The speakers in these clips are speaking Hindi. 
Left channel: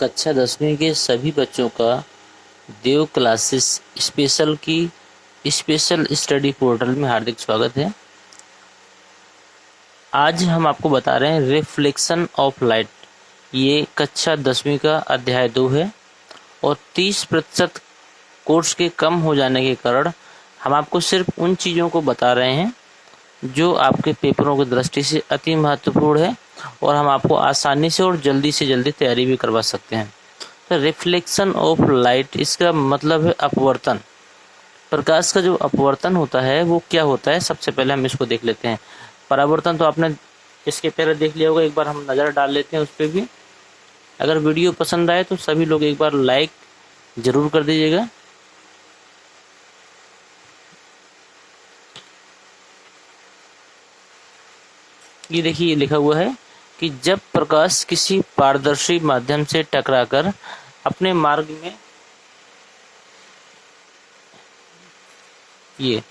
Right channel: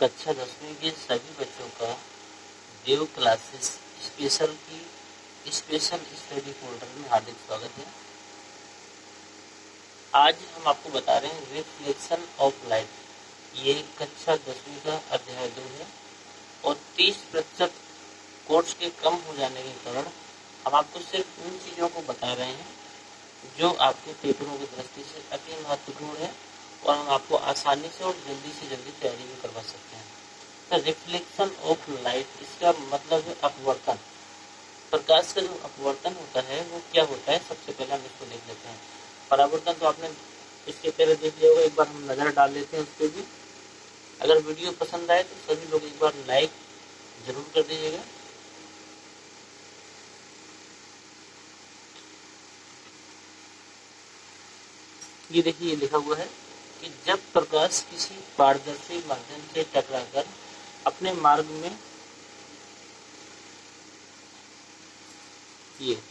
कक्षा 10वीं के सभी बच्चों का देव क्लासेस स्पेशल स्टडी पोर्टल में हार्दिक स्वागत है। आज हम आपको बता रहे हैं रिफ्लेक्शन ऑफ लाइट। ये कक्षा 10वीं का अध्याय 2 है और 30% कोर्स के कम हो जाने के कारण हम आपको सिर्फ उन चीज़ों को बता रहे हैं जो आपके पेपरों की दृष्टि से अति महत्वपूर्ण है और हम आपको आसानी से और जल्दी से जल्दी तैयारी भी करवा सकते हैं। तो रिफ्लेक्शन ऑफ लाइट, इसका मतलब है अपवर्तन। प्रकाश का जो अपवर्तन होता है वो क्या होता है, सबसे पहले हम इसको देख लेते हैं। परावर्तन तो आपने इसके पहले देख लिया होगा, एक बार हम नज़र डाल लेते हैं उस पर भी। अगर वीडियो पसंद आए तो सभी लोग एक बार लाइक ज़रूर कर दीजिएगा। ये देखिए, ये लिखा हुआ है कि जब प्रकाश किसी पारदर्शी माध्यम से टकराकर अपने मार्ग में ये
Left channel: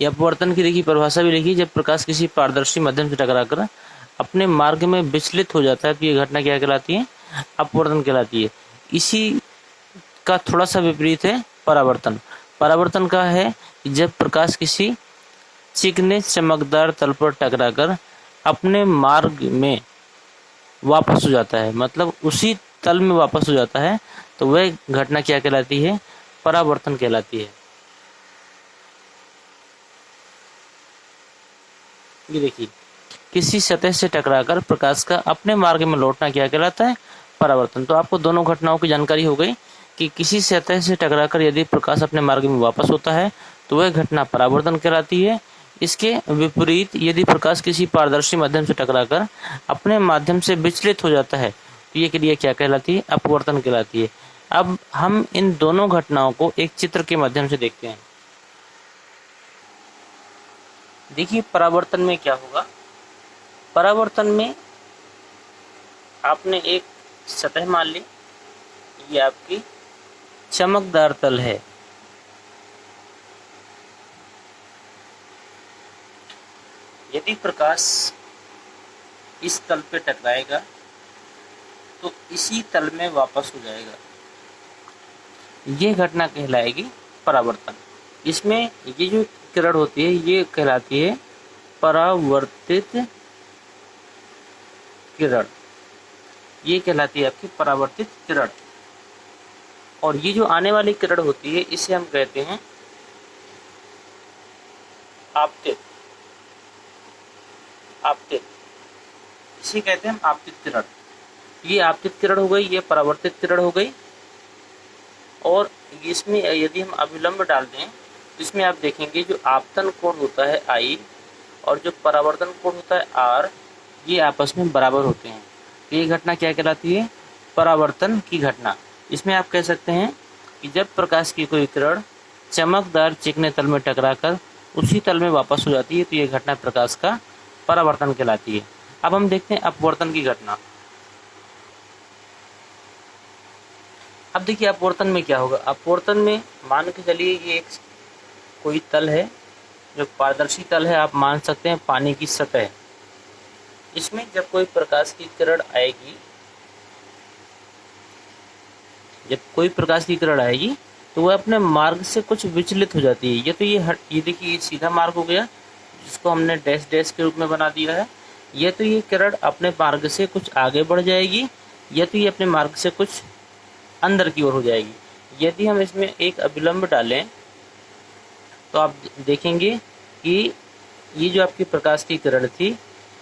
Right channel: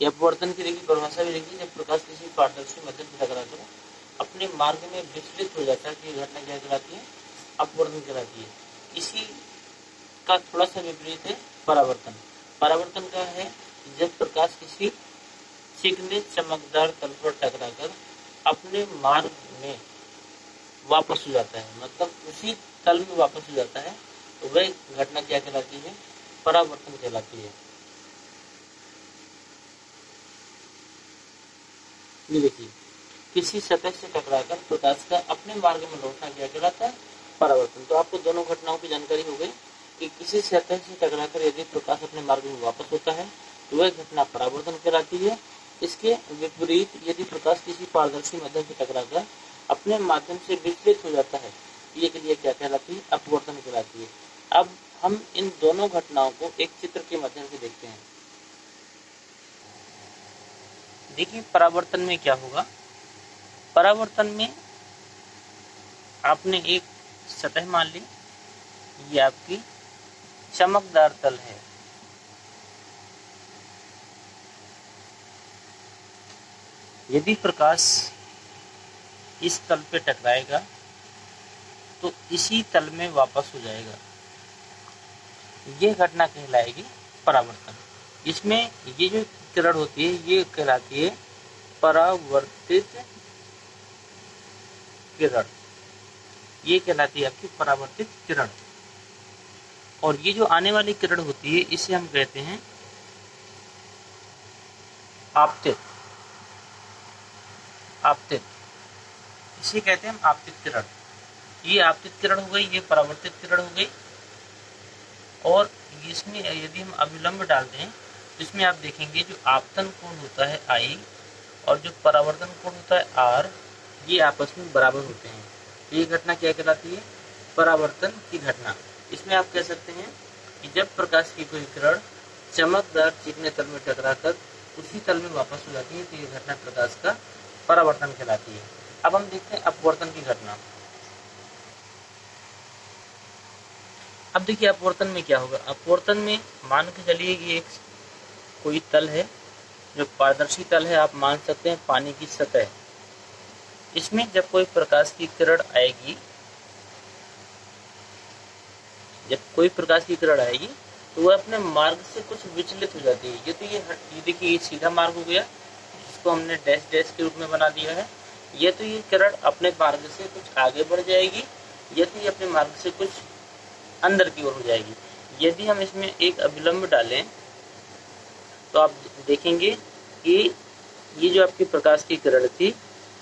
अपवर्तन की देखिए परिभाषा भी लिखी। जब प्रकाश किसी पारदर्शी माध्यम से टकराकर अपने मार्ग में विचलित हो जाता है तो ये घटना क्या कहलाती है, अपवर्तन कहलाती है। इसी का थोड़ा सा विपरीत है परावर्तन। परावर्तन का है कि जब प्रकाश किसी चिकने चमकदार तल पर टकराकर अपने मार्ग में वापस हो जाता है, मतलब उसी तल में वापस हो जाता है, तो वह घटना क्या कहलाती है, परावर्तन कहलाती है। ये देखिए, किसी सतह से टकराकर प्रकाश का अपने मार्ग में लौटना क्या कहलाता है, परावर्तन। तो आपको दोनों घटनाओं की जानकारी हो गई कि किसी सतह से टकराकर यदि प्रकाश अपने मार्ग में वापस होता है तो वह घटना परावर्तन कहलाती है। इसके विपरीत यदि प्रकाश किसी पारदर्शी माध्यम से टकराकर अपने माध्यम से विचलित हो जाता है तो ये क्रिया क्या कहलाती है, अपवर्तन कहलाती है। अब हम इन दोनों घटनाओं को एक चित्र के माध्यम से देखते हैं। देखिए, परावर्तन में क्या होगा। परावर्तन में आपने एक सतह मान ली, ये आपकी चमकदार तल है। यदि प्रकाश इस तल पे टकराएगा तो इसी तल में वापस हो जाएगा, ये घटना कहलाएगी परावर्तन। इसमें ये जो किरण होती है ये कहलाती है परावर्तित किरण, ये कहलाती है आपकी परावर्तित किरण। और ये जो आने वाली किरण होती है इसे हम कहते हैं आपतित। इसे कहते हैं हम आपतित किरण। ये आपतित किरण हो गई, ये परावर्तित किरण हो गई। और इसमें यदि हम अभिलंब डाल दें तो इसमें आप देखेंगे जो आपतन कोण होता है I और जो परावर्तन कोण होता है R, ये आपस में बराबर होते हैं। तो ये घटना क्या कहलाती है, परावर्तन की घटना। इसमें आप कह सकते हैं कि जब प्रकाश की कोई किरण चमकदार चिकने तल में टकराकर उसी तल में वापस हो जाती है तो ये घटना प्रकाश का परावर्तन कहलाती है। अब हम देखते हैं अपवर्तन की घटना। अब देखिए, अपवर्तन में क्या होगा। अपवर्तन में मान के चलिए ये एक कोई तल है जो पारदर्शी तल है, आप मान सकते हैं पानी की सतह। इसमें जब कोई प्रकाश की किरण आएगी, तो वह अपने मार्ग से कुछ विचलित हो जाती है। ये देखिए, ये सीधा मार्ग हो गया जिसको हमने डैश डैश के रूप में बना दिया है। ये किरण अपने मार्ग से कुछ आगे बढ़ जाएगी, ये अपने मार्ग से कुछ अंदर की ओर हो जाएगी। यदि हम इसमें एक अभिलंब डालें तो आप देखेंगे कि ये जो आपकी प्रकाश की किरण थी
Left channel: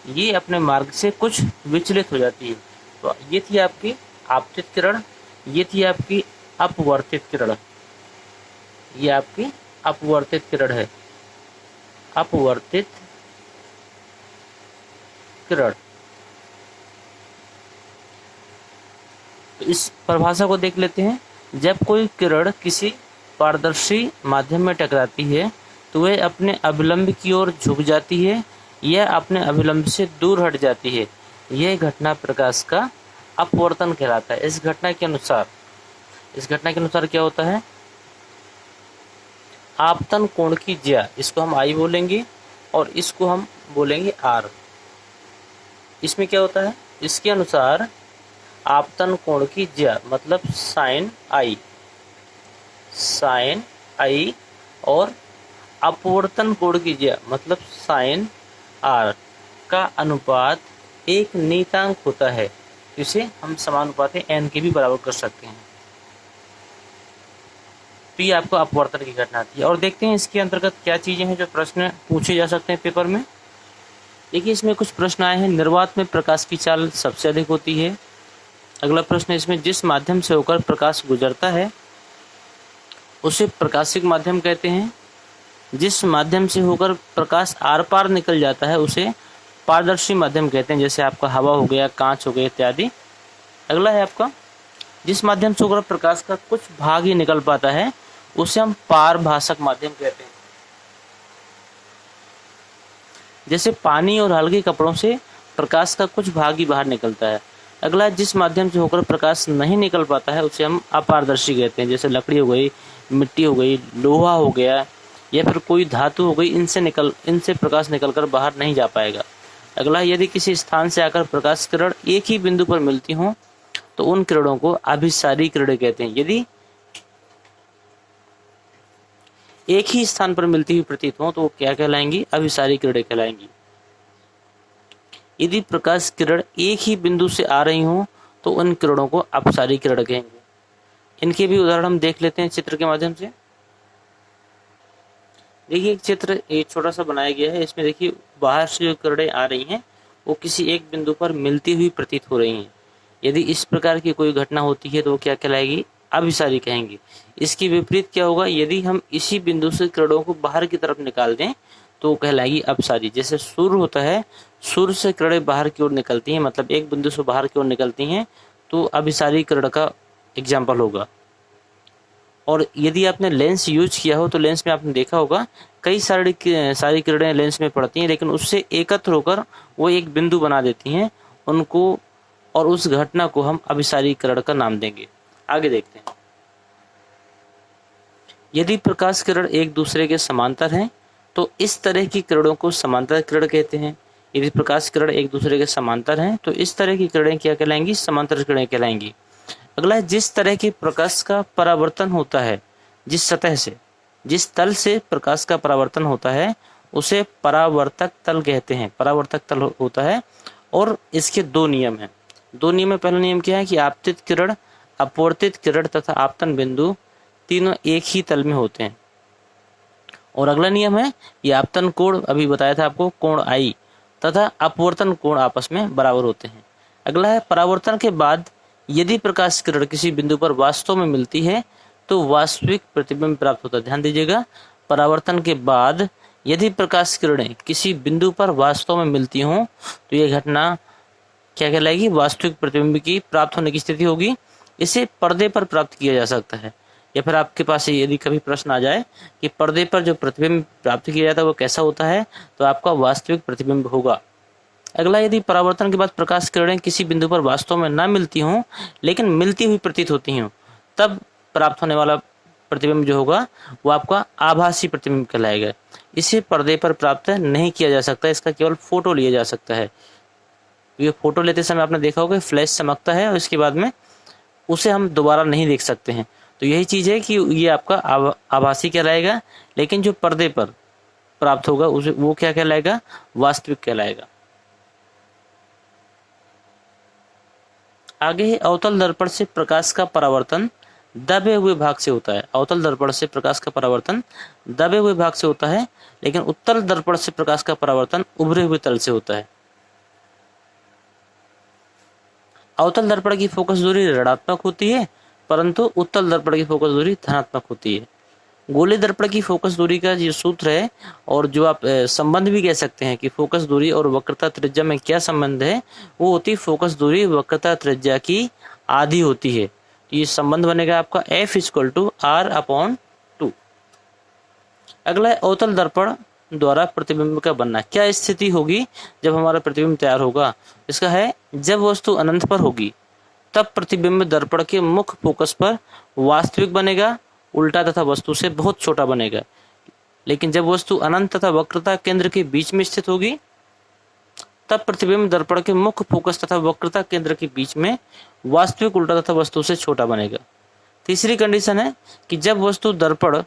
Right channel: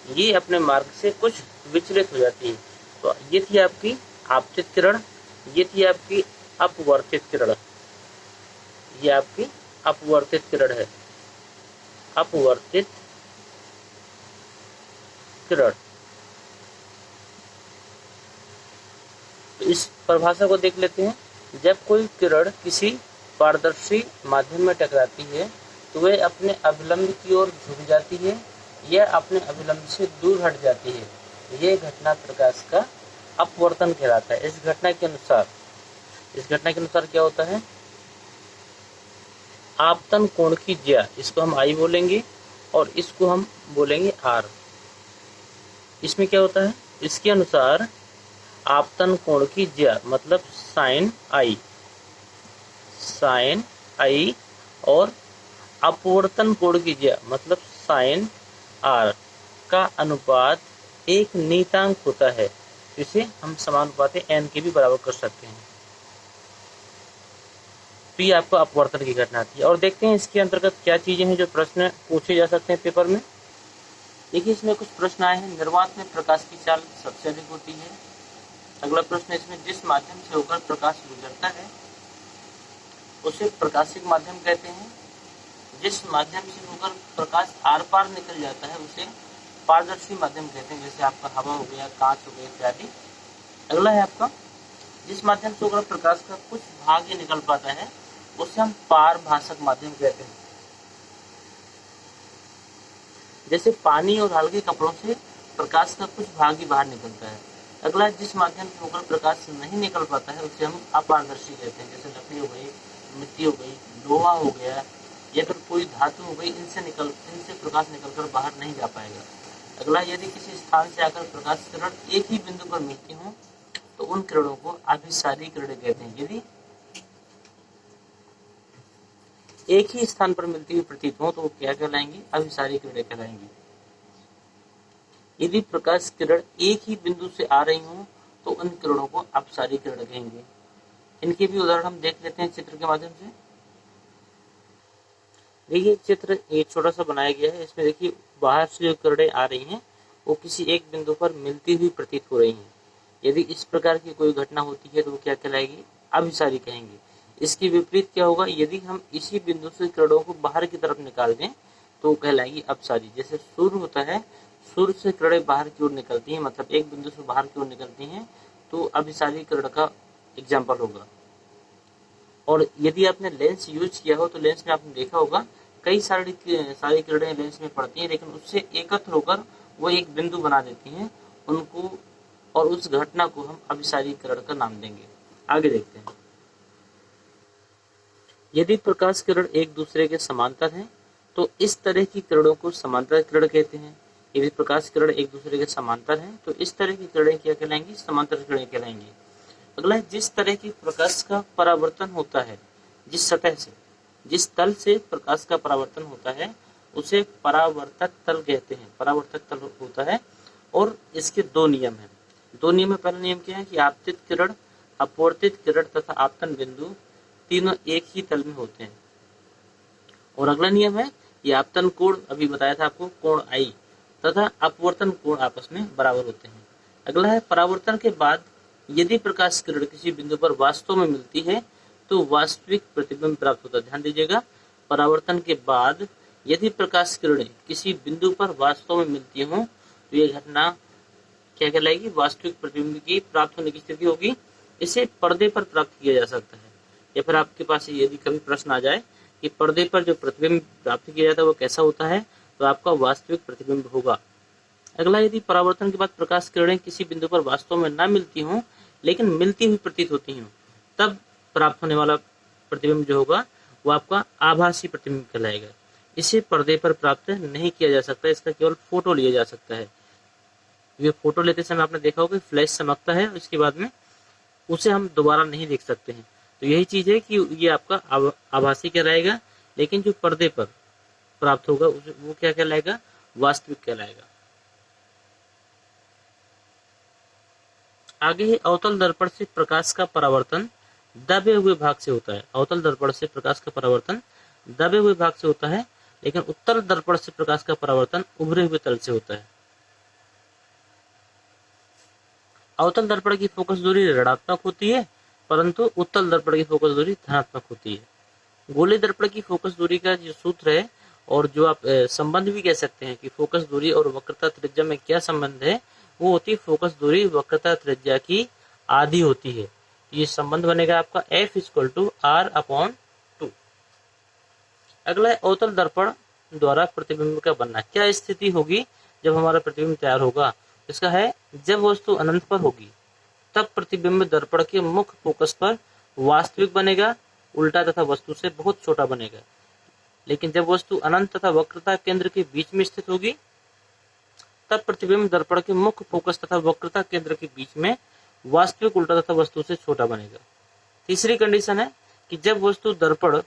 ये अपने मार्ग से कुछ विचलित हो जाती है। तो ये थी आपकी आपतित किरण, ये थी आपकी अपवर्तित किरण। ये आपकी अपवर्तित किरण है, अपवर्तित किरण। तो इस परिभाषा को देख लेते हैं। जब कोई किरण किसी पारदर्शी माध्यम में टकराती है तो वह अपने अभिलंब की ओर झुक जाती है या अपने अभिलंब से दूर हट जाती है। यह घटना प्रकाश का अपवर्तन कहलाता है। इस घटना के अनुसार क्या होता है, आपतन कोण की ज्या, इसको हम I बोलेंगे और इसको हम बोलेंगे R। इसमें क्या होता है, इसके अनुसार आपतन कोण की ज्या मतलब साइन आई, साइन आई, और अपवर्तन कोण की ज्या मतलब साइन आर का अनुपात एक नियतांक होता है, इसे हम समानुपाती एन के भी बराबर कर सकते हैं। तो ये आपको अपवर्तन की घटना आती है। और देखते हैं इसके अंतर्गत क्या चीजें हैं जो प्रश्न पूछे जा सकते हैं पेपर में। देखिए इसमें कुछ प्रश्न आए हैं। निर्वात में प्रकाश की चाल सबसे अधिक होती है। अगला प्रश्न इसमें जिस माध्यम से होकर प्रकाश गुजरता है उसे प्रकाशिक माध्यम कहते हैं। जिस माध्यम से होकर प्रकाश आर पार निकल जाता है उसे पारदर्शी माध्यम कहते हैं, जैसे आपका हवा हो गया, कांच हो गया इत्यादि। अगला है आपका जिस माध्यम से होकर प्रकाश का कुछ भाग ही निकल पाता है उसे हम पारभासक माध्यम कहते हैं, जैसे पानी और हल्के कपड़ों से प्रकाश का कुछ भाग ही बाहर निकलता है। अगला जिस माध्यम से होकर प्रकाश नहीं निकल पाता है उसे हम अपारदर्शी कहते हैं, जैसे लकड़ी हो गई, मिट्टी हो गई, लोहा हो गया या फिर कोई धातु हो गई, इनसे प्रकाश निकलकर बाहर नहीं जा पाएगा। अगला यदि किसी स्थान से आकर प्रकाश किरण एक ही बिंदु पर मिलती हों तो उन किरणों को अभिसारी किरणें कहते हैं। यदि एक ही स्थान पर मिलती हुई प्रतीत हो तो वो क्या कहलाएंगी? अभिसारी किरणें कहलाएंगी। यदि प्रकाश किरण एक ही बिंदु से आ रही हो तो उन किरणों को अपसारी किरण कहेंगे। इनके भी उदाहरण हम देख लेते हैं चित्र के माध्यम से। देखिए एक चित्र एक छोटा सा बनाया गया है। इसमें देखिए बाहर से जो किरणें आ रही हैं वो किसी एक बिंदु पर मिलती हुई प्रतीत हो रही हैं। यदि इस प्रकार की कोई घटना होती है तो वो क्या कहलाएगी? अभिसारी कहेंगे। इसके विपरीत क्या होगा? यदि हम इसी बिंदु से किरणों को बाहर की तरफ निकाल दें तो कहलाएगी अपसारी। जैसे सूर्य होता है, सूर्य से किरणें बाहर की ओर निकलती हैं, मतलब एक बिंदु से बाहर की ओर निकलती हैं, तो अभिसारी किरण का एग्जाम्पल होगा। और यदि आपने लेंस यूज किया हो तो लेंस में आपने देखा होगा कई सारी किरणें लेंस में पड़ती हैं, लेकिन उससे एकत्र होकर वो एक बिंदु बना देती हैं उनको, और उस घटना को हम अभिसारी किरण का नाम देंगे। आगे देखते हैं। यदि प्रकाश किरण एक दूसरे के समांतर हैं तो इस तरह की किरणों को समांतर किरण कहते हैं। यदि प्रकाश किरण एक दूसरे के समांतर हैं तो इस तरह की किरणें क्या कहलाएंगी? समांतर किरणें कहलाएंगी। अगला है जिस तरह के प्रकाश का परावर्तन होता है, जिस सतह से, जिस तल से प्रकाश का परावर्तन होता है उसे परावर्तक तल कहते हैं। परावर्तक तल होता है और इसके दो नियम हैं। दो नियम में पहला नियम क्या है कि आपतित किरण, अपवर्तित किरण तथा आपतन बिंदु तीनों एक ही तल में होते हैं। और अगला नियम है ये आपतन कोण, अभी बताया था आपको, कोण आई तथा अपवर्तन कोण आपस में बराबर होते हैं। अगला है परावर्तन के बाद यदि प्रकाश किरण किसी बिंदु पर वास्तव में मिलती है तो वास्तविक प्रतिबिंब प्राप्त होता है। ध्यान दीजिएगा, परावर्तन के बाद यदि प्रकाश किरणें किसी बिंदु पर वास्तव में मिलती हों तो यह घटना क्या कहलाएगी? वास्तविक प्रतिबिंब की प्राप्त होने की स्थिति होगी। इसे पर्दे पर प्राप्त किया जा सकता है। या फिर आपके पास यदि कभी प्रश्न आ जाए कि पर्दे पर जो प्रतिबिंब प्राप्त किया जाता है वो कैसा होता है, तो आपका वास्तविक प्रतिबिंब होगा। अगला, यदि परावर्तन के बाद प्रकाश किरणें किसी बिंदु पर वास्तव में न मिलती हों लेकिन मिलती हुई प्रतीत होती हों, तब प्राप्त होने वाला प्रतिबिंब जो होगा वो आपका आभासी प्रतिबिंब कहलाएगा। इसे पर्दे पर प्राप्त नहीं किया जा सकता, इसका केवल फोटो लिया जा सकता है। ये फोटो लेते समय आपने देखा होगा फ्लैश चमकता है और इसके बाद में उसे हम दोबारा नहीं देख सकते हैं। तो यही चीज है कि ये आपका आभासी कहलाएगा, लेकिन जो पर्दे पर प्राप्त होगा उसे वो क्या कहलाएगा? वास्तविक कहलाएगा। आगे है अवतल दर्पण से प्रकाश का परावर्तन दबे हुए भाग से होता है। अवतल दर्पण से प्रकाश का परावर्तन दबे हुए भाग से होता है, लेकिन उत्तल दर्पण से प्रकाश का परावर्तन उभरे हुए तल से होता है। अवतल दर्पण की फोकस दूरी ऋणात्मक होती है, परंतु उत्तल दर्पण की फोकस दूरी धनात्मक होती है। गोले दर्पण की फोकस दूरी का जो सूत्र है और जो आप संबंध भी कह सकते हैं कि फोकस दूरी और वक्रता त्रिज्या में क्या संबंध है, वो होती है फोकस दूरी वक्रता त्रिज्या की आधी होती है। ये संबंध बनेगा आपका F=R/2। अगला है अवतल दर्पण द्वारा प्रतिबिंब का बनना। क्या स्थिति होगी जब हमारा प्रतिबिंब तैयार होगा? इसका है जब वस्तु अनंत पर होगी तब प्रतिबिंब दर्पण के मुख्य फोकस पर वास्तविक बनेगा, उल्टा तथा वस्तु से बहुत छोटा बनेगा। लेकिन जब वस्तु अनंत तथा वक्रता केंद्र के बीच में स्थित होगी तब प्रतिबिंब दर्पण के मुख्य फोकस तथा वक्रता केंद्र के बीच में वास्तविक उल्टा तथा वस्तु से छोटा बनेगा। तीसरी कंडीशन है कि जब वस्तु दर्पण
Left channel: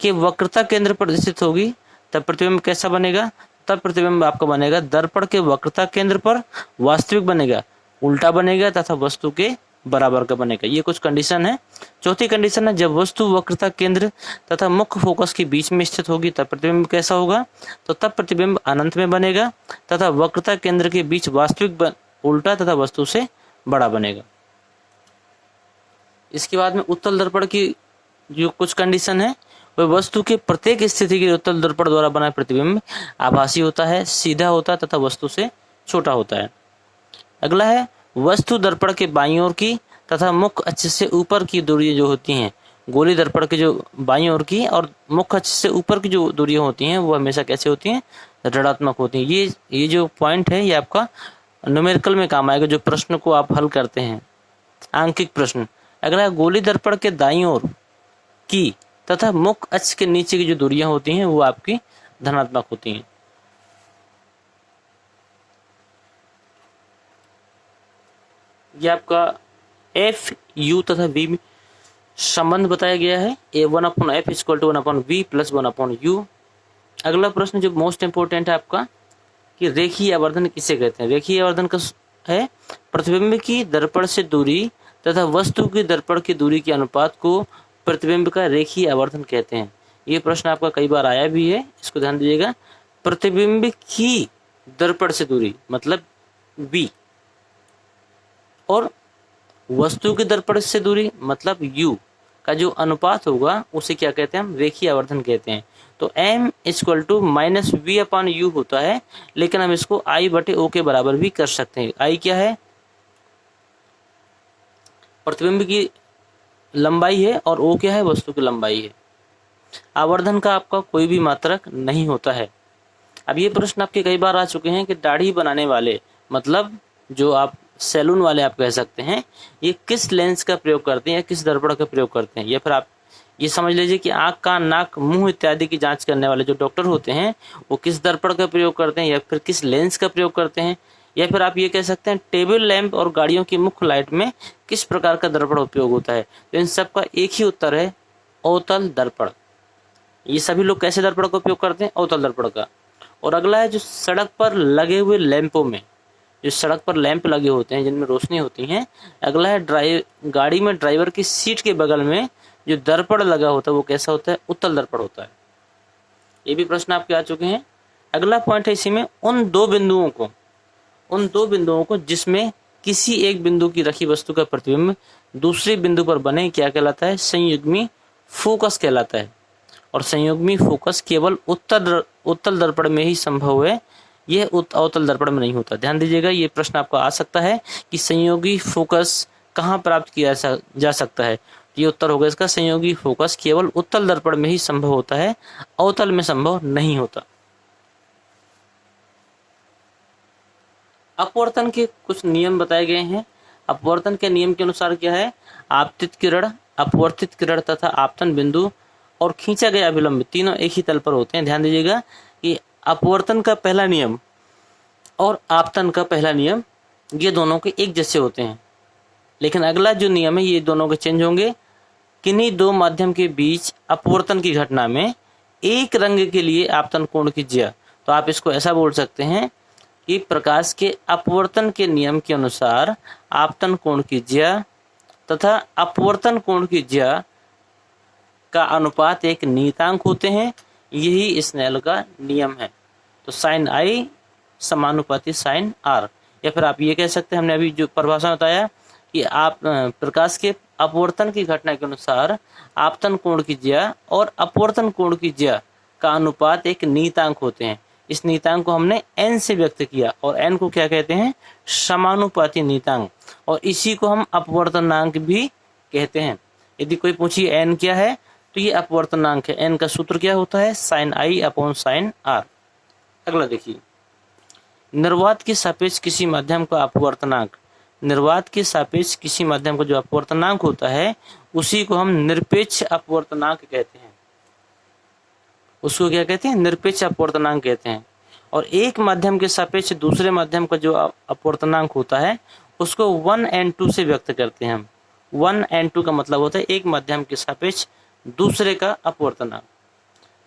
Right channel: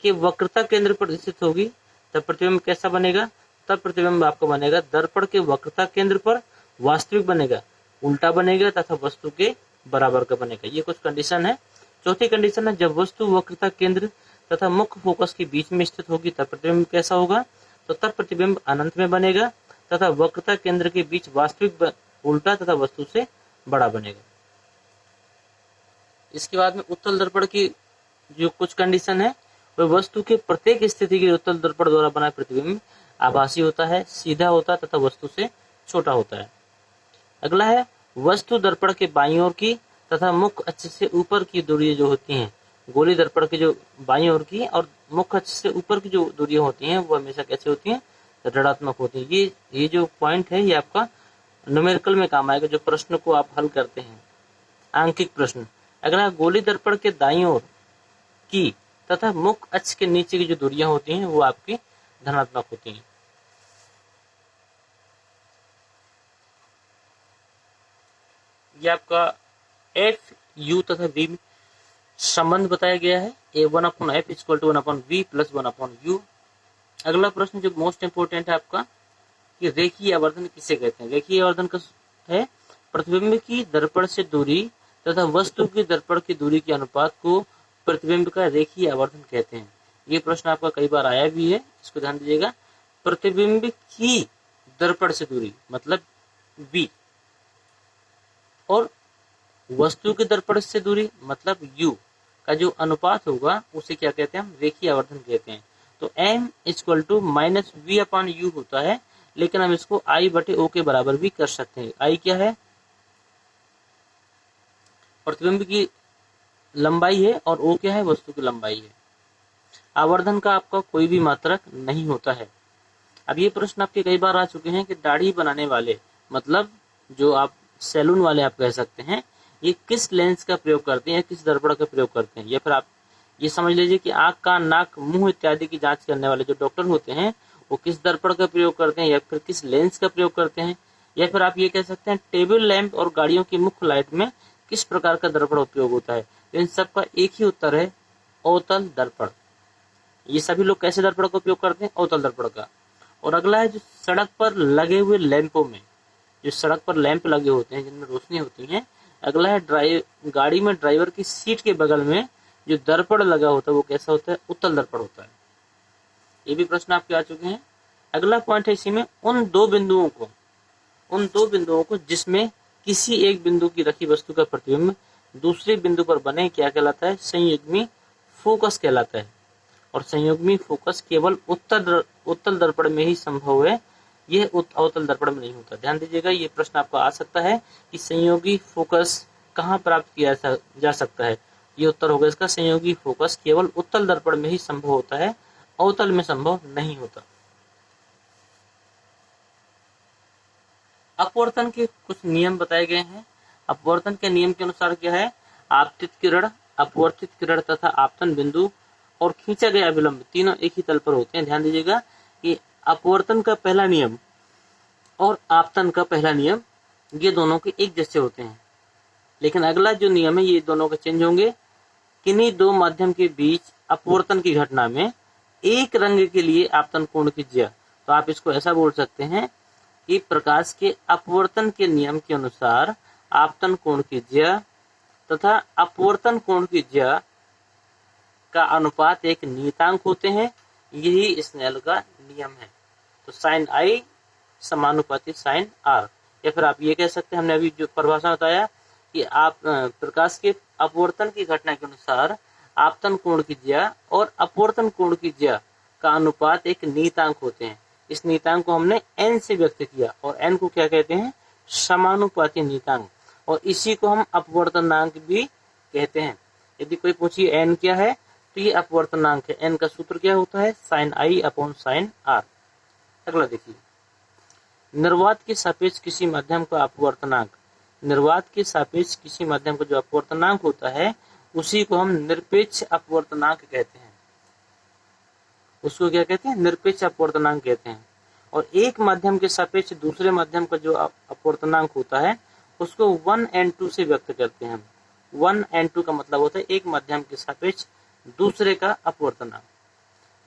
के वक्रता केंद्र पर स्थित होगी तब प्रतिबिंब कैसा बनेगा? तब प्रतिबिंब आपका बनेगा दर्पण के वक्रता केंद्र पर वास्तविक बनेगा, उल्टा बनेगा तथा वस्तु के बराबर का बनेगा। ये कुछ कंडीशन है। चौथी कंडीशन है जब वस्तु वक्रता केंद्र तथा मुख्य फोकस के बीच में स्थित होगी तब प्रतिबिंब कैसा होगा? तो तब प्रतिबिंब अनंत में बनेगा तथा वक्रता केंद्र के बीच वास्तविक उल्टा तथा वस्तु से बड़ा बनेगा। इसके बाद में उत्तल दर्पण की जो कुछ कंडीशन है वह वस्तु के प्रत्येक स्थिति के उत्तल दर्पण द्वारा बना प्रतिबिंब आभासी होता है, सीधा होता है तथा वस्तु से छोटा होता है। अगला है वस्तु दर्पण के बाईं ओर की तथा मुख्य अक्ष से ऊपर की दूरी जो होती हैं, गोली दर्पण के जो बाईं ओर की और मुख्य अक्ष से ऊपर की जो दूरियां होती हैं वो हमेशा कैसे होती हैं? ऋणात्मक होती हैं। ये जो पॉइंट है ये आपका न्यूमेरिकल में काम आएगा, जो प्रश्न को आप हल करते हैं, आंकिक प्रश्न। अगला गोली दर्पण के दाईं ओर की तथा मुख्य अक्ष के नीचे की जो दूरियां होती हैं वो आपकी धनात्मक होती हैं। ये आपका एफ यू तथा वी में संबंध बताया गया है। A1/F equal to 1/V plus 1/U। अगला प्रश्न जो मोस्ट इंपोर्टेंट है आपका कि रेखीय आवर्धन किसे कहते हैं? रेखीय आवर्धन का है प्रतिबिंब की दर्पण से दूरी तथा वस्तु की दर्पण की दूरी के अनुपात को प्रतिबिंब का रेखीय आवर्धन कहते हैं। ये प्रश्न आपका कई बार आया भी है, इसको ध्यान दीजिएगा। प्रतिबिंब की दर्पण से दूरी मतलब V और वस्तु की दर्पण से दूरी मतलब U का जो अनुपात होगा उसे क्या कहते हैं? हम रेखीय आवर्धन कहते हैं। तो M इक्वल टू -V/U होता है, लेकिन हम इसको I/O के बराबर भी कर सकते हैं। I क्या है? प्रतिबिंब की लंबाई है और O क्या है? वस्तु की लंबाई है। आवर्धन का आपका कोई भी मात्रक नहीं होता है। अब ये प्रश्न आपके कई बार आ चुके हैं कि दाढ़ी बनाने वाले मतलब जो आप सैलून वाले आप कह सकते हैं, ये किस लेंस का प्रयोग करते हैं या किस दर्पण का प्रयोग करते हैं। या फिर आप ये समझ लीजिए कि आंख, कान, नाक, मुंह इत्यादि की जांच करने वाले जो डॉक्टर होते हैं वो किस दर्पण का प्रयोग करते हैं या फिर किस लेंस का प्रयोग करते हैं। या फिर आप ये कह सकते हैं टेबल लैंप और गाड़ियों की मुख्य लाइट में किस प्रकार का दर्पण उपयोग होता है। तो इन सब का एक ही उत्तर है, अवतल दर्पण। ये सभी लोग कैसे दर्पण का उपयोग करते हैं? अवतल दर्पण का। और अगला है जो सड़क पर लगे हुए लैंपों में, जो सड़क पर लैंप लगे होते हैं जिनमें रोशनी होती है। अगला है गाड़ी में ड्राइवर की सीट के बगल में जो दर्पण लगा होता है वो कैसा होता है? उत्तल दर्पण होता है। ये भी प्रश्न आपके आ चुके हैं। अगला पॉइंट है इसी में उन दो बिंदुओं को जिसमें किसी एक बिंदु की रखी वस्तु का प्रतिबिंब दूसरे बिंदु पर बने क्या कहलाता है? संयुग्मी फोकस कहलाता है। और संयुग्मी फोकस केवल उत्तल दर्पण में ही संभव है, यह अवतल दर्पण में नहीं होता। ध्यान दीजिएगा, ये प्रश्न आपका आ सकता है कि संयोगी फोकस कहाँ प्राप्त किया जा सकता है। ये उत्तर होगा इसका, संयोगी फोकस केवल उत्तल दर्पण में ही संभव होता है, अवतल में संभव नहीं होता। अपवर्तन के कुछ नियम बताए गए हैं। अपवर्तन के नियम के अनुसार क्या है? आपतित किरण, अपवर्तित किरण तथा आपतन बिंदु और खींचा गया अभिलंब तीनों एक ही तल पर होते हैं। ध्यान दीजिएगा कि अपवर्तन का पहला नियम और आपतन का पहला नियम ये दोनों के एक जैसे होते हैं, लेकिन अगला जो नियम है ये दोनों के चेंज होंगे। किन्हीं दो माध्यम के बीच अपवर्तन की घटना में एक रंग के लिए आपतन कोण की ज्या, तो आप इसको ऐसा बोल सकते हैं कि प्रकाश के अपवर्तन के नियम के अनुसार आपतन कोण की ज्या तथा अपवर्तन कोण की ज्या का अनुपात एक नियतांक होते हैं। यही स्नेल का नियम है। तो साइन आई समानुपाती साइन आर। या फिर आप ये कह सकते हैं, हमने अभी जो परिभाषा बताया कि आप प्रकाश के अपवर्तन की घटना के अनुसार आपतन कोण की ज्या और अपवर्तन कोण की ज्या का अनुपात एक नियतांक होते हैं। इस नियतांक को हमने n से व्यक्त किया और n को क्या कहते हैं? समानुपाती नियतांक, और इसी को हम अपवर्तनांक भी कहते हैं। यदि कोई पूछिए n क्या है तो ये अपवर्तनांक है। n का सूत्र क्या होता है? Sine i upon sine r. अगला देखिए, निर्वात के सापेक्ष किसी माध्यम का अपवर्तनांक, निर्वात के सापेक्ष किसी माध्यम का जो अपवर्तनांक होता है उसी को हम निरपेक्ष अपवर्तनांक कहते हैं। उसको क्या कहते हैं? निरपेक्ष अपवर्तनांक कहते हैं। और एक माध्यम के सापेक्ष दूसरे माध्यम का जो अपवर्तनांक होता है उसको 1n2 से व्यक्त करते हैं हम। 1n2 का मतलब होता है एक माध्यम के सापेक्ष दूसरे का अपवर्तनांक।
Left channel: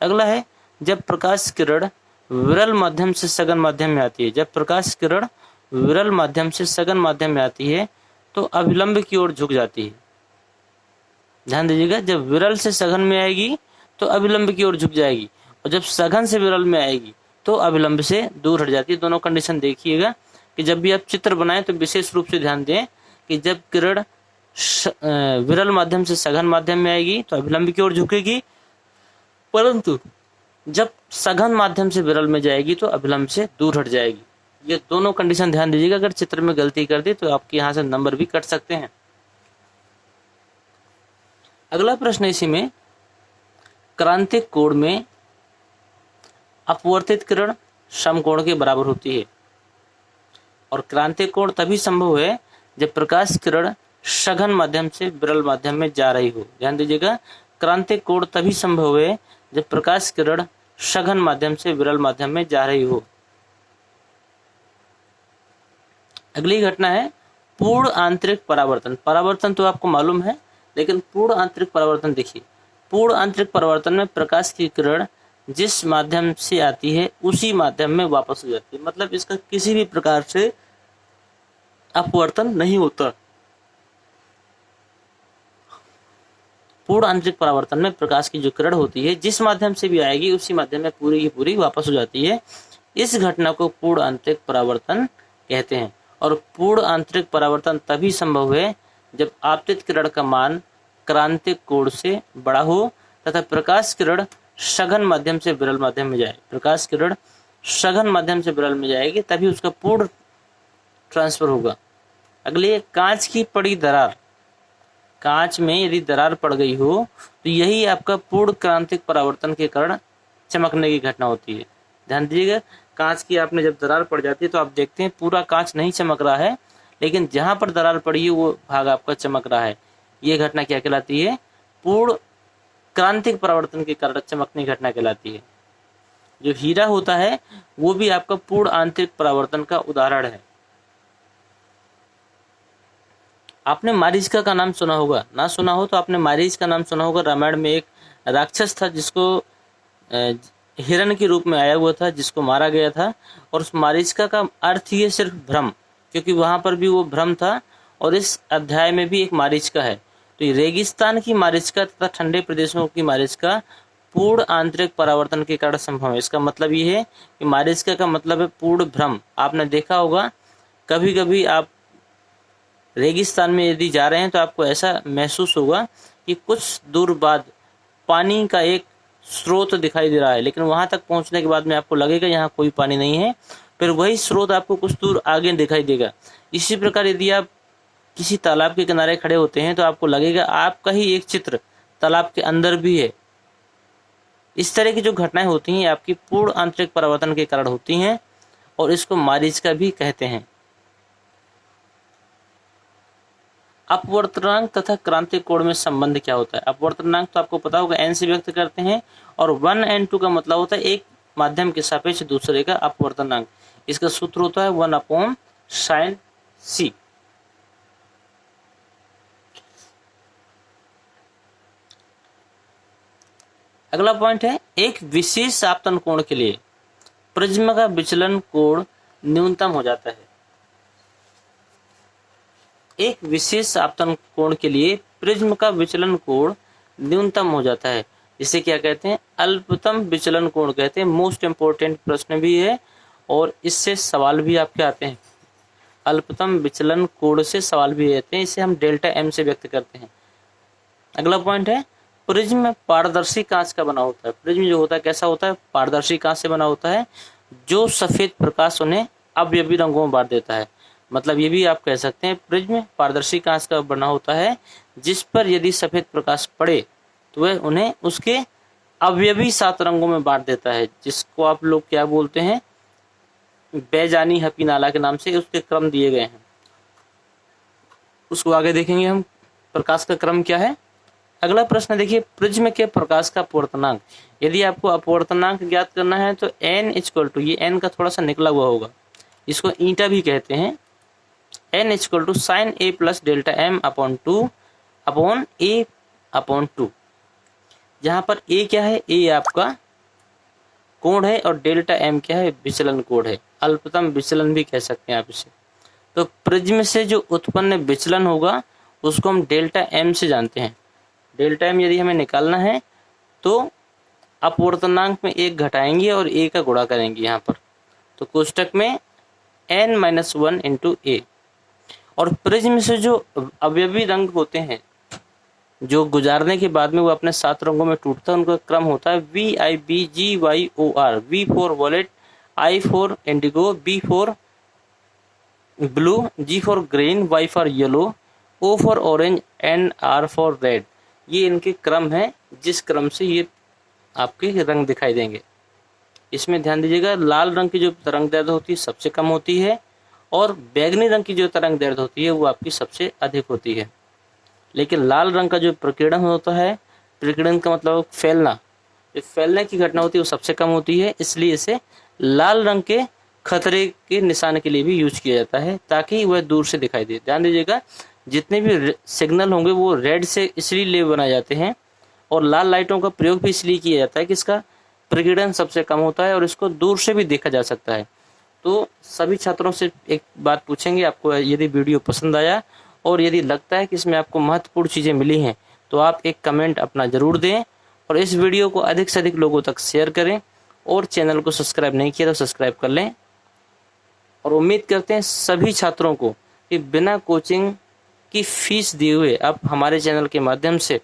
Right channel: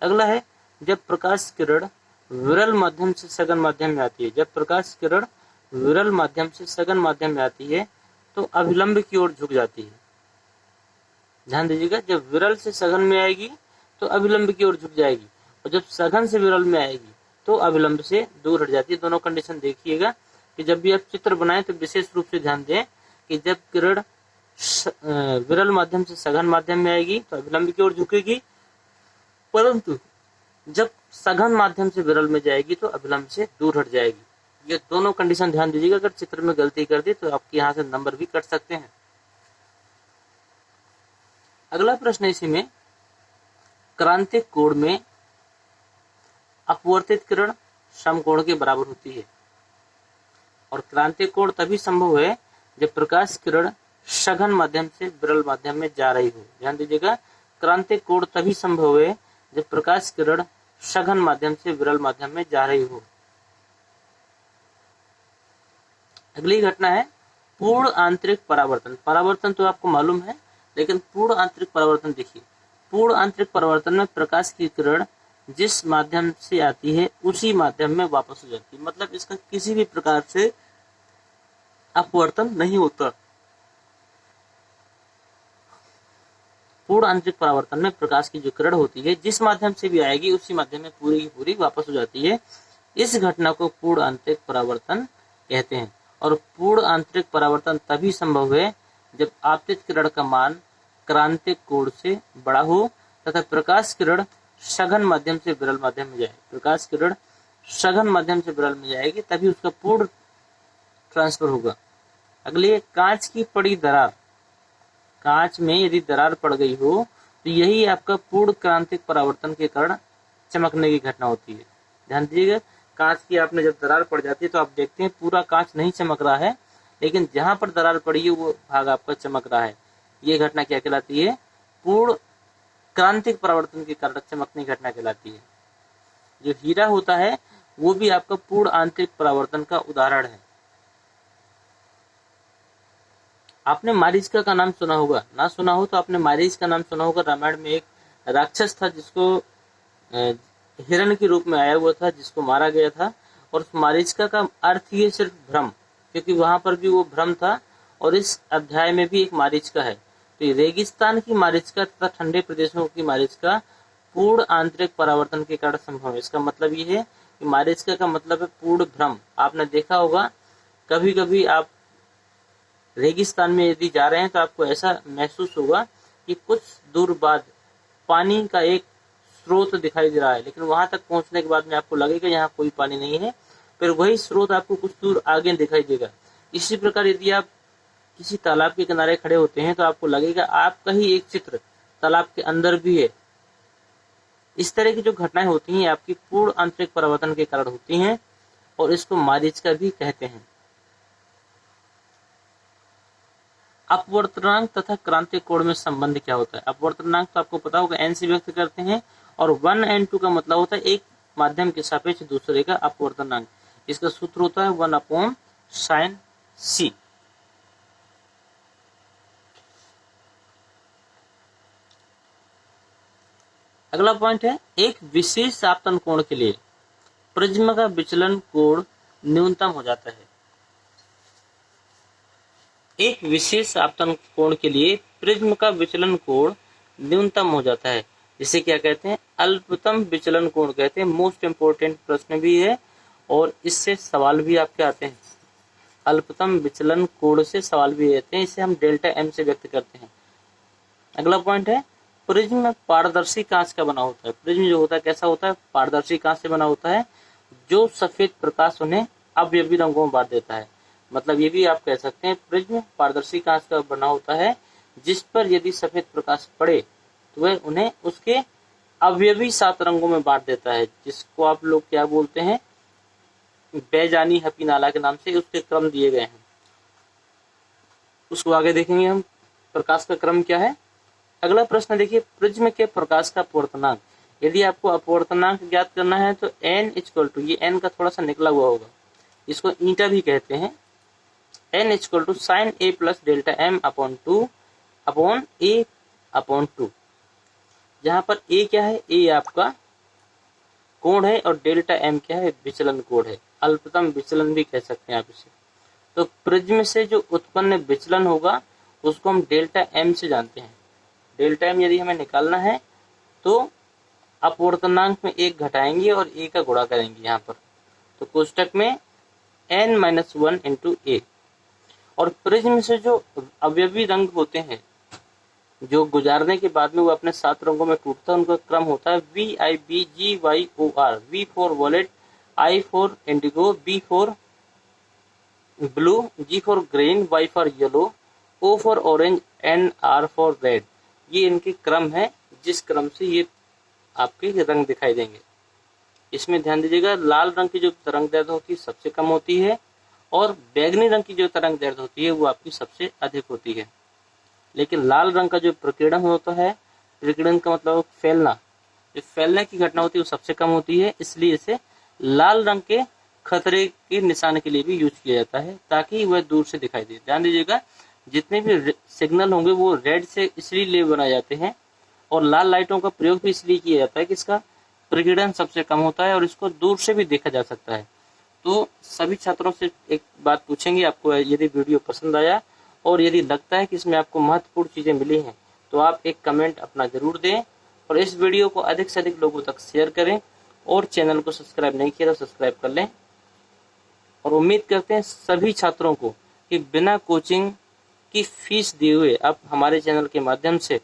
अगला है जब प्रकाश किरण विरल माध्यम से सघन माध्यम में आती है। जब प्रकाश किरण विरल माध्यम से सघन माध्यम में आती है तो अभिलंब की ओर झुक जाती है। ध्यान दीजिएगा, जब विरल से सघन में आएगी तो अभिलंब की ओर झुक जाएगी, और जब सघन से विरल में आएगी तो अभिलंब से दूर हट जाती है। दोनों कंडीशन देखिएगा कि जब भी आप चित्र बनाएं तो विशेष रूप से ध्यान दें कि जब किरण विरल माध्यम से सघन माध्यम में आएगी तो अभिलंब की ओर झुकेगी, परंतु जब सघन माध्यम से विरल में जाएगी तो अभिलंब से दूर हट जाएगी। ये दोनों कंडीशन ध्यान दीजिएगा। अगर चित्र में गलती कर दी तो आपके यहाँ से नंबर भी कट सकते हैं। अगला प्रश्न इसी में, क्रांतिक कोण में अपवर्तित किरण समकोण के बराबर होती है, और क्रांतिक कोण तभी संभव है जब प्रकाश किरण सघन माध्यम से विरल माध्यम में जा रही हो। ध्यान दीजिएगा, क्रांतिक कोण तभी संभव है जब प्रकाश किरण सघन माध्यम से विरल माध्यम में जा रही हो। अगली घटना है पूर्ण आंतरिक परावर्तन। परावर्तन तो आपको मालूम है, लेकिन पूर्ण आंतरिक परावर्तन देखिए। पूर्ण आंतरिक परावर्तन में प्रकाश की किरण जिस माध्यम से आती है उसी माध्यम में वापस हो जाती है, मतलब इसका किसी भी प्रकार से अपवर्तन नहीं होता। पूर्ण आंतरिक परावर्तन में प्रकाश की जो किरण होती है जिस माध्यम से भी आएगी उसी माध्यम में पूरी की पूरी वापस हो जाती है। इस घटना को पूर्ण आंतरिक परावर्तन कहते हैं, और पूर्ण आंतरिक परावर्तन तभी संभव है जब आपतित किरण का मान क्रांतिक कोण से बड़ा हो तथा प्रकाश किरण सघन माध्यम से विरल माध्यम में जाए। प्रकाश किरण सघन माध्यम से विरल में जाएगी तभी उसका पूर्ण ट्रांसफर होगा। अगली है कांच की पड़ी दरार। कांच में यदि दरार पड़ गई हो तो यही आपका पूर्ण क्रांतिक परावर्तन के कारण चमकने की घटना होती है। ध्यान दीजिएगा, कांच की आपने जब दरार पड़ जाती है तो आप देखते हैं पूरा कांच नहीं चमक रहा है, लेकिन जहां पर दरार पड़ी है वो भाग आपका चमक रहा है। ये घटना क्या कहलाती है? पूर्ण क्रांतिक परावर्तन के कारण चमकने की घटना कहलाती है। जो हीरा होता है वो भी आपका पूर्ण आंतरिक परावर्तन का उदाहरण है। आपने मारीचका का नाम सुना होगा, ना सुना हो तो आपने मारीच का नाम सुना होगा। रामायण में एक राक्षस था जिसको हिरण के रूप में आया हुआ था, जिसको मारा गया था, और उस मारीचका का अर्थ ही है सिर्फ भ्रम, क्योंकि वहां पर भी वो भ्रम था और इस अध्याय में भी एक मारीचका है। तो ये रेगिस्तान की मारीचका तथा ठंडे प्रदेशों की मारीचका पूर्ण आंतरिक परावर्तन के कारण संभव है। इसका मतलब ये है कि मारीचका का मतलब है पूर्ण भ्रम। आपने देखा होगा कभी कभी आप रेगिस्तान में यदि जा रहे हैं तो आपको ऐसा महसूस होगा कि कुछ दूर बाद पानी का एक स्रोत दिखाई दे रहा है, लेकिन वहां तक पहुंचने के बाद में आपको लगेगा यहाँ कोई पानी नहीं है, फिर वही स्रोत आपको कुछ दूर आगे दिखाई देगा। इसी प्रकार यदि आप किसी तालाब के किनारे खड़े होते हैं तो आपको लगेगा आपका ही एक चित्र तालाब के अंदर भी है। इस तरह की जो घटनाएं होती हैं आपकी पूर्ण आंतरिक परावर्तन के कारण होती हैं, और इसको मारीचका भी कहते हैं। अपवर्तनांक तथा क्रांतिक कोण में संबंध क्या होता है? अपवर्तनांक तो आपको पता होगा, n से व्यक्त करते हैं, और 1n2 का मतलब होता है एक माध्यम के सापेक्ष दूसरे का अपवर्तनांक। इसका सूत्र होता है 1/sin c। अगला पॉइंट है एक विशेष आपतन कोण के लिए प्रिज्म का विचलन कोण न्यूनतम हो जाता है। एक विशेष आपतन कोण के लिए प्रिज्म का विचलन कोण न्यूनतम हो जाता है, जिसे क्या कहते हैं? अल्पतम विचलन कोण कहते हैं। मोस्ट इंपोर्टेंट प्रश्न भी है और इससे सवाल भी आपके आते हैं। अल्पतम विचलन कोण से सवाल भी आते हैं, इसे हम डेल्टा m से व्यक्त करते हैं। अगला पॉइंट है प्रिज्म पारदर्शी कांच का बना होता है। प्रिज्म जो होता है कैसा होता है? पारदर्शी कांच से बना होता है, जो सफेद प्रकाश उन्हें अवयवी रंगों में बांट देता है। मतलब ये भी आप कह सकते हैं प्रिज्म पारदर्शी कांच का बना होता है, जिस पर यदि सफेद प्रकाश पड़े तो वह उन्हें उसके अवयवी 7 रंगों में बांट देता है, जिसको आप लोग क्या बोलते हैं? बेजानी हपीनाला के नाम से उसके क्रम दिए गए हैं। उसको आगे देखेंगे हम, प्रकाश का क्रम क्या है। अगला प्रश्न देखिए, प्रिज्म के प्रकाश का अपवर्तनांक। यदि आपको अपवर्तनांक ज्ञात करना है तो n इक्वल टू, ये n का थोड़ा सा निकला हुआ होगा, इसको ईटा भी कहते हैं, n equal to sine a plus delta m upon 2 upon a upon 2, जहाँ पर a क्या है, a आपका कोण है और डेल्टा m क्या है, विचलन कोण है, अल्पतम विचलन भी कह सकते हैं आप इसे। तो प्रिज्म से जो उत्पन्न विचलन होगा उसको हम डेल्टा m से जानते हैं। डेल्टा m यदि हमें निकालना है तो अपवर्तनांक में 1 घटाएंगे और a का गुणा करेंगे यहाँ पर, तो कोष्टक में n-1 इंटू a। और प्रिज्म से जो अवयवी रंग होते हैं, जो गुजारने के बाद में वो अपने 7 रंगों में टूटता है, उनका क्रम होता है VIBGYOR। V for wallet, I for Indigo, B for blue, G for green, Y for yellow, O for orange and R for red. ये इनके क्रम है, जिस क्रम से ये आपके रंग दिखाई देंगे। इसमें ध्यान दीजिएगा, लाल रंग की जो तरंग दैर्ध्य होती है सबसे कम होती है और बैगनी रंग की जो तरंग दैर्ध्य होती है वो आपकी सबसे अधिक होती है। लेकिन लाल रंग का जो प्रकीर्णन होता है, प्रकीर्णन का मतलब फैलना, जो फैलने की घटना होती है वो सबसे कम होती है, इसलिए इसे लाल रंग के खतरे के निशान के लिए भी यूज किया जाता है ताकि वह दूर से दिखाई दे। ध्यान दीजिएगा, जितने भी सिग्नल होंगे वो रेड से इसलिए बनाए जाते हैं और लाल लाइटों का प्रयोग भी इसलिए किया जाता है कि इसका प्रकीर्णन सबसे कम होता है और इसको दूर से भी देखा जा सकता है। तो सभी छात्रों से एक बात पूछेंगे, आपको यदि वीडियो पसंद आया और यदि लगता है कि इसमें आपको महत्वपूर्ण चीज़ें मिली हैं तो आप एक कमेंट अपना ज़रूर दें और इस वीडियो को अधिक से अधिक लोगों तक शेयर करें और चैनल को सब्सक्राइब नहीं किया तो सब्सक्राइब कर लें। और उम्मीद करते हैं सभी छात्रों को कि बिना कोचिंग की फीस दिए हुए आप हमारे चैनल के माध्यम से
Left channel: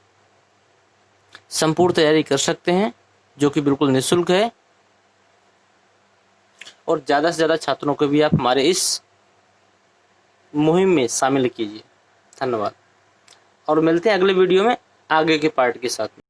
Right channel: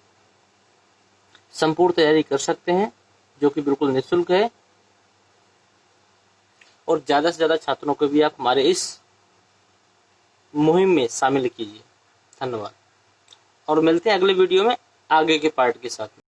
संपूर्ण तैयारी कर सकते हैं, जो कि बिल्कुल निःशुल्क है। और ज़्यादा से ज़्यादा छात्रों को भी आप हमारे इस मुहिम में शामिल कीजिए। धन्यवाद और मिलते हैं अगले वीडियो में आगे के पार्ट के साथ में।